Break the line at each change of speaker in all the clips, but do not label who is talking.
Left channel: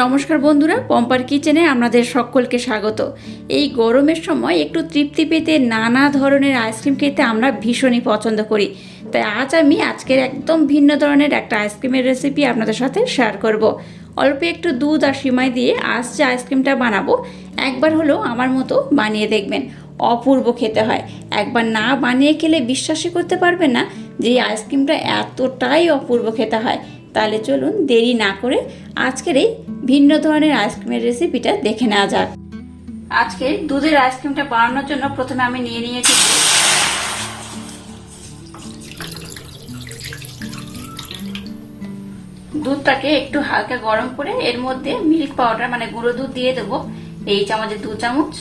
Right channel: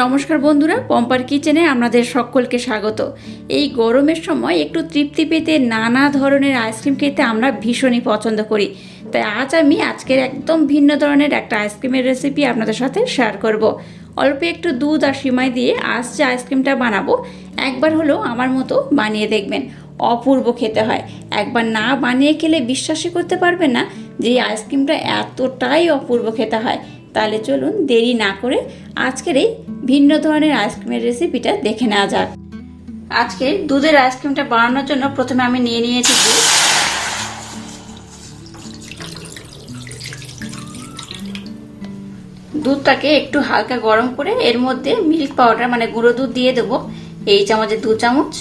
নমস্কার বন্ধুরা, পম্পার কিচেনে আপনাদের সকলকে স্বাগত। এই গরমের সময় একটু তৃপ্তি পেতে নানা ধরনের আইসক্রিম খেতে আমরা ভীষণই পছন্দ করি। তাই আজ আমি আজকের একদম ভিন্ন ধরনের একটা আইসক্রিমের রেসিপি আপনাদের সাথে শেয়ার করব। অল্প একটু দুধ আর সিমাই দিয়ে আজ যে আইসক্রিমটা বানাবো, একবার হলেও আমার মতো বানিয়ে দেখবেন। অপূর্ব খেতে হয়। একবার না বানিয়ে খেলে বিশ্বাসই করতে পারবেন না যে এই আইসক্রিমটা এতটাই অপূর্ব খেতে হয়। তাহলে চলুন দেরি না করে আজকের এই ভিন্ন ধরনের আইসক্রিমের রেসিপিটা দেখে নেওয়া যাক। আজকে দুধের আইসক্রিমটা বানানোর জন্য প্রথমে আমি নিয়ে নিয়েছি দুধ। দুধটাকে একটু হালকা গরম করে এর মধ্যে মিল্ক পাউডার মানে গুঁড়ো দুধ দিয়ে দেবো, এই চামচে দু চামচ।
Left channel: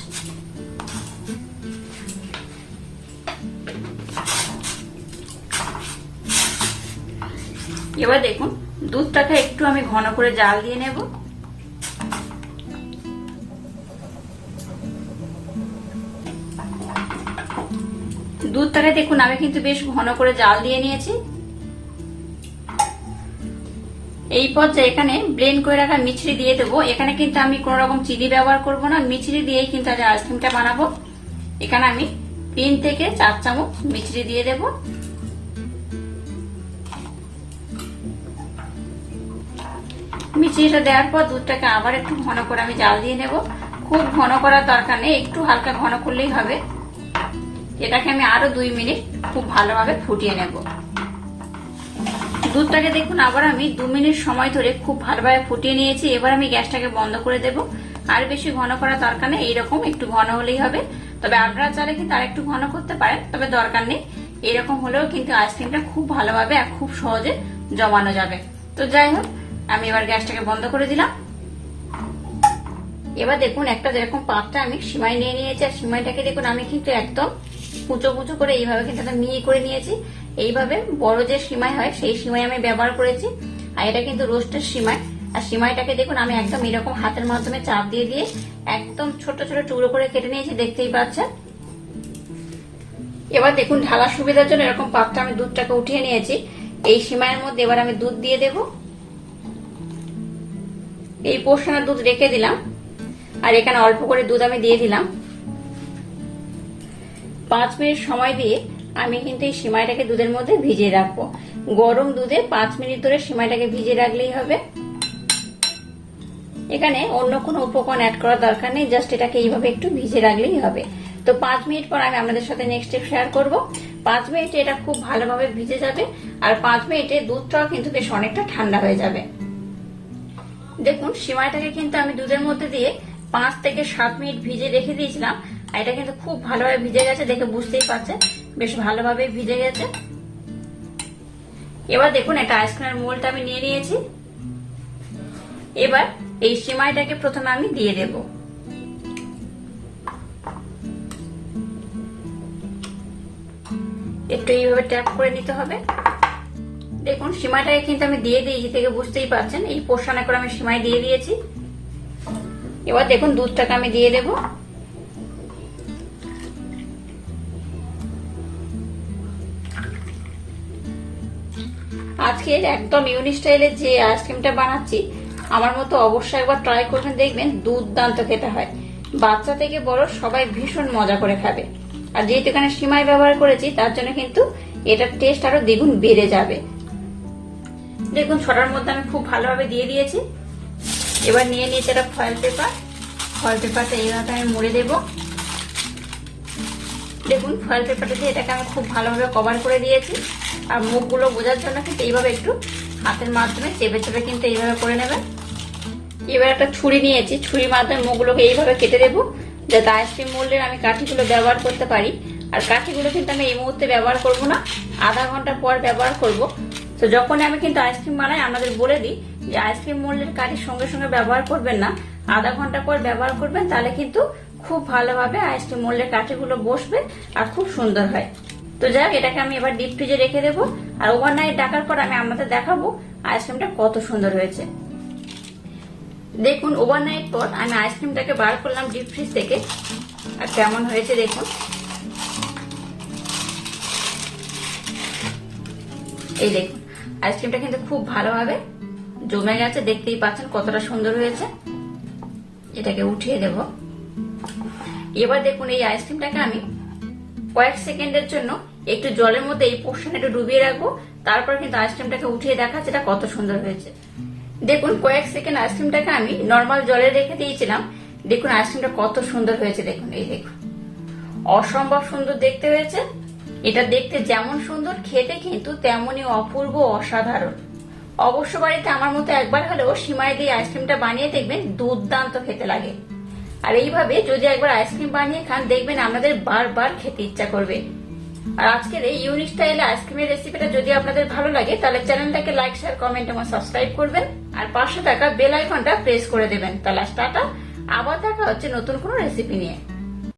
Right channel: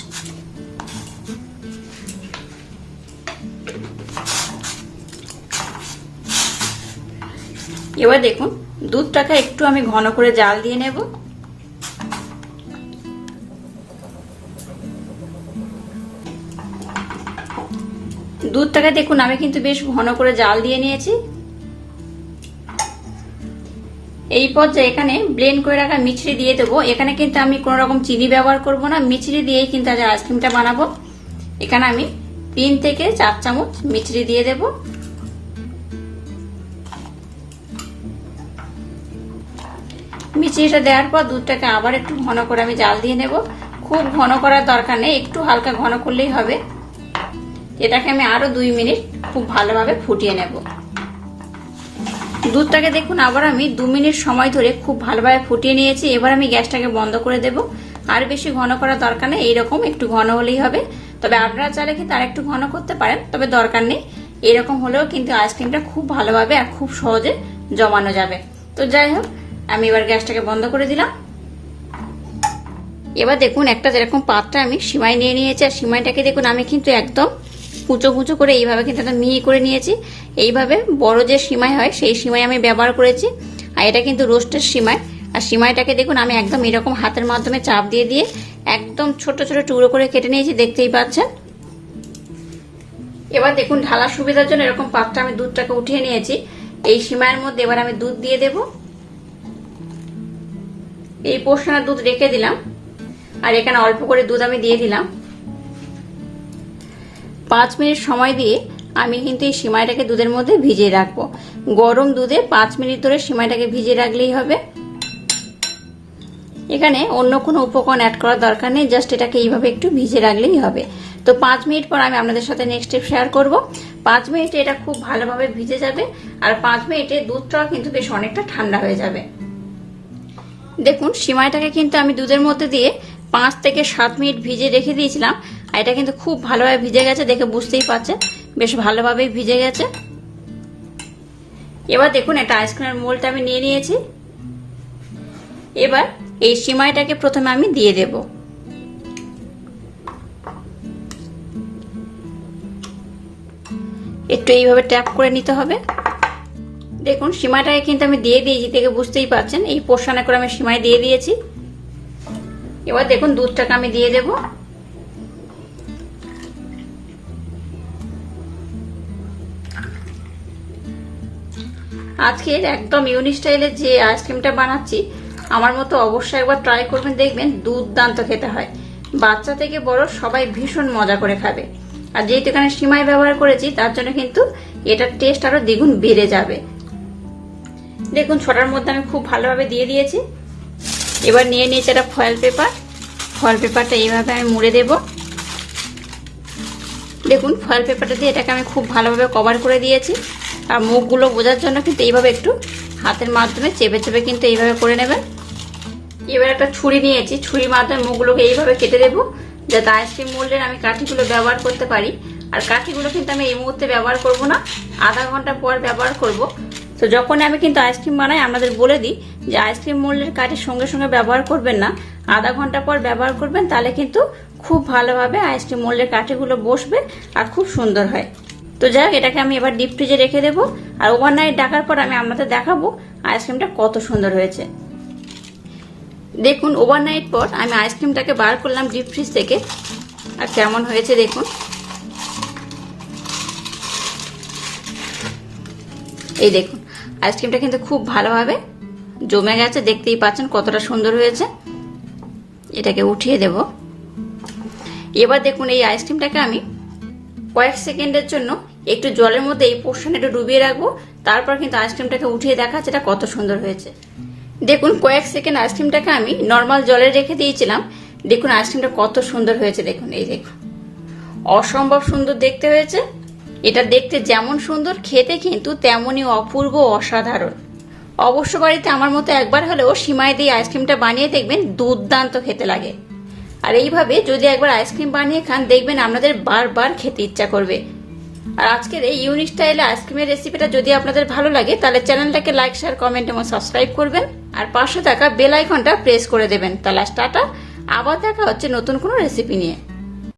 এবার দেখুন, দুধটাকে একটু আমি ঘন করে জাল দিয়ে নেব। দুধটাকে দেখুন, আমি কিন্তু বেশ ঘন করে জাল দিয়ে নিয়েছি। এই পর্যায়ে এখানে ব্লেন্ড করে রাখা মিছরি দিয়ে দেবো। এখানে কিন্তু আমি কোনো রকম চিনি ব্যবহার করব না। মিছরি দিয়েই কিন্তু আজ আইসক্রিমটা বানাবো। এখানে আমি তিন থেকে চার চামচ মিছরি দিয়ে দেবো। মিচিটা দেওয়ার পর দুধটাকে আবার একটু ঘন করে আমি জাল দিয়ে নেব। খুব ঘন করার দরকার নেই, একটু হালকা ঘন করলেই হবে। এটাকে আমি আরও দুই মিনিট খুব ভালোভাবে ফুটিয়ে নেব। দুধটাকে দেখুন, আবার আমি দু মিনিট সময় ধরে খুব ভালোভাবে ফুটিয়ে নিয়েছি। এবার আমি গ্যাসটাকে বন্ধ করে দেব। আর বেশি ঘন করার দরকার নেই, এইরকম একটু ঘন হলেই হবে। তবে আপনারা চাইলে কিন্তু আর একটু ঘন করতে পারেন, তবে দরকার নেই। এরকম হলেও কিন্তু আইসক্রিমটা খুব ভালোভাবে আর খুব সহজে জমানো যাবে। তো যাই হোক আমি এবার গ্যাসটাকে বন্ধ করে দিলাম। এবার দেখুন, একটা যেরকম পাত্রে আমি সিমাই নিয়ে নিয়েছি, আর সিমাইটাকে দেখুন, আমি কিন্তু একদম কুচো কুচো করে এইভাবে কিন্তু একটা মিহি করে নিয়েছি। এইভাবে বড় যে সিমাই হয়, সেই সিমাই আমি ব্যবহার করেছি। আর এটা কিন্তু রোস্টের সিমাই। আর সিমাইটাকে দেখুন, আমি একদম এরকম হাতের মাধ্যমে চাপ দিয়ে দিয়ে একদম ছোট ছোট টুকরো করে কেটে নিয়েছি, দেখতেই পাচ্ছেন। এবার দেখুন, ঢালার সুবিধার জন্য এরকম পাত্রে আমি দুধটাকে উঠিয়ে নিয়েছি। এই সিমাইয়ের মধ্যে এবার আমি দুধ দিয়ে দেবো। এই পোর্শনের দুধ রেখে দিলাম। আর এখানে অল্প করে দুধ আমি দিয়ে দিলাম। পাঁচ মিনিট সময় দিয়ে আমি কিন্তু এই সিমাইটাকে দুধের মধ্যে ভিজিয়ে রাখব। গরম দুধে পাঁচ মিনিট ধরে সিমাইটাকে ভিজিয়ে রাখলেই হবে। এখানে অন্য কোনো উপকরণ অ্যাড করার দরকার নেই জাস্ট এটাকে এইভাবে একটু ভিজে রাখলেই হবে। তো পাঁচ মিনিট পর আমি আপনাদের সাথে নেক্সট স্টেপ শেয়ার করব। পাঁচ মিনিটে এটা খুব ভালোভাবে ভিজে যাবে, আর পাঁচ মিনিটে দুধটাও কিন্তু বেশ অনেকটা ঠান্ডা হয়ে যাবে। দেখুন, সিমাইটাকে কিন্তু আমি দুধের মধ্যে দিয়ে পাঁচ থেকে সাত মিনিট ভিজে রেখে দিয়েছিলাম, আর এটা কিন্তু খুব ভালোভাবে ভিজে গেছে, দেখে বুঝতেই পারছেন, বেশ ভালোভাবেই ভিজে গেছে। এবার দেখুন, এটা আইসক্রিমের মোলটা আমি নিয়ে নিয়েছি। এবার এই সিমাইটাকে প্রথমে আমি দিয়ে দেব। একটু এইভাবে ট্যাপ করে নিতে হবে। দেখুন, সীমাটাকে কিন্তু আমি দিয়ে দিয়েছি থেকে বুঝতেই পারছেন। এই পোর্শনে করে আমি সীমায় দিয়ে দিয়েছি। এবার দেখুন, দুধটাকে আমি দিয়ে দেব। আজকে একদম ইউনিক স্টাইলের যে আইসক্রিমটা বানাচ্ছি, আমার মতো অবশ্যই একবার ট্রাই করবেন, দেখবেন দুর্দান্ত খেতে হয়। বাচ্চা থেকে বড় সবাই ভীষণ মজা করে খাবে। আর যেহেতু এখানে সীমায় ব্যবহার করেছি, তার জন্য কিন্তু এটার টেস্ট আরও দ্বিগুণ বেড়ে যাবে। দেখুন, ছটার মধ্যে আমি খুব ভালোভাবে দিয়ে দিয়েছি। এবার নিয়ে নিয়েছি একটা ফয়েল পেপার ফয়েল পেপারটা এইভাবে আমি মুড়ে দেব। দেখুন ফয়েল পেপারটা দিয়ে এটাকে আমি খুব ভালোভাবে কভার করে দিয়েছি। আর মুখগুলো বোঝার জন্য কিন্তু এইভাবে একটু হাতের মাধ্যমে চেপে চেপে কিন্তু এইভাবে করে নেবেন। এবার একটা ছুরি নিয়েছি। ছুরির মাধ্যমে মুখগুলোকে এইভাবে কেটে দেবো, যাতে আইসক্রিম মোল্ডের আমি কাঠিগুলো ব্যবহার করতে পারি। আর কাঠিগুলো কিন্তু আমি এই মুহূর্তে ব্যবহার করব না। আধা ঘণ্টা পর ব্যবহার করব। তো যখন আমি কিন্তু আইসক্রিম বানাই, আমাদের বলে দিই যে আইসক্রিম মোল্ডের কাঠির সঙ্গে সঙ্গে ব্যবহার করবেন না। আধা ঘণ্টা পর ব্যবহার করবেন, তাহলে কিন্তু খুব ভালোভাবে আইসক্রিম মোল্ডের কাঠিগুলো বসবে আর খুব সুন্দর হয়। তো যাক এটাকে আমি এবার ডিপ ফ্রিজে রেখে দেবো আর ওভারনাইট ডাকার পর আমি আমাদের দেখাবো আইসক্রিমটা কত সুন্দর হয়েছে। দেখুন ওভারনাইট পর আমি আইসক্রিমটাকে বার করলাম ডিপ ফ্রিজ থেকে। আর কেমন হয়েছে দেখুন। এই দেখুন। আইসক্রিমটা কিন্তু খুব ভালোভাবে জমে গেছে, দেখতেই পাচ্ছেন কতটা সুন্দর হয়েছে। এটাকে উঠিয়ে দেব। এবার দেখুন এই আইসক্রিমটাকে আমি কয়েক সেকেন্ডের জন্য একটু জলের মধ্যে এই পোর্শন একটু ডুবিয়ে রাখব, তারপর কিন্তু আইসক্রিমটাকে উঠিয়ে দেখাচ্ছে এটা কত সুন্দর হয়েছে। দেখুন কয়েক সেকেন্ড আইসক্রিমটাকে আমি নর্মাল জলে রেখে দিয়েছিলাম, দেখুন আইসক্রিমটা কত সুন্দর হয়েছে, দেখুন, এই দেখুন। অসম্ভব সুন্দর দেখতে হয়েছে। এটা দেখতে যেমন সুন্দর, খেতে কিন্তু তেমনই অপূর্ব অসাধারণ। অবশ্য বাড়িতে আমার মতো একবার হলেও সীমায় দিয়ে আইসক্রিমটা বানিয়ে দেখবেন দুর্দান্ত খেতে লাগে। আর এইভাবে যদি একবার আইসক্রিম বানিয়ে খান, দেখবেন আপনাদের বারবার খেতে ইচ্ছা করবে। আর আজকের এই ইউনিক স্টাইলে আইসক্রিমের রেসিপিটা যদি আপনাদের ভালো লাগে, তাহলে চ্যানেলটাকে লাইক, শেয়ার, কমেন্ট এবং সাবস্ক্রাইব করবেন। আর পাশে থাকা বেল আইকনটা প্রেস করে দেবেন। তাহলে টাটা, আবার দেখা হচ্ছে নতুন কোনো রেসিপি নিয়ে।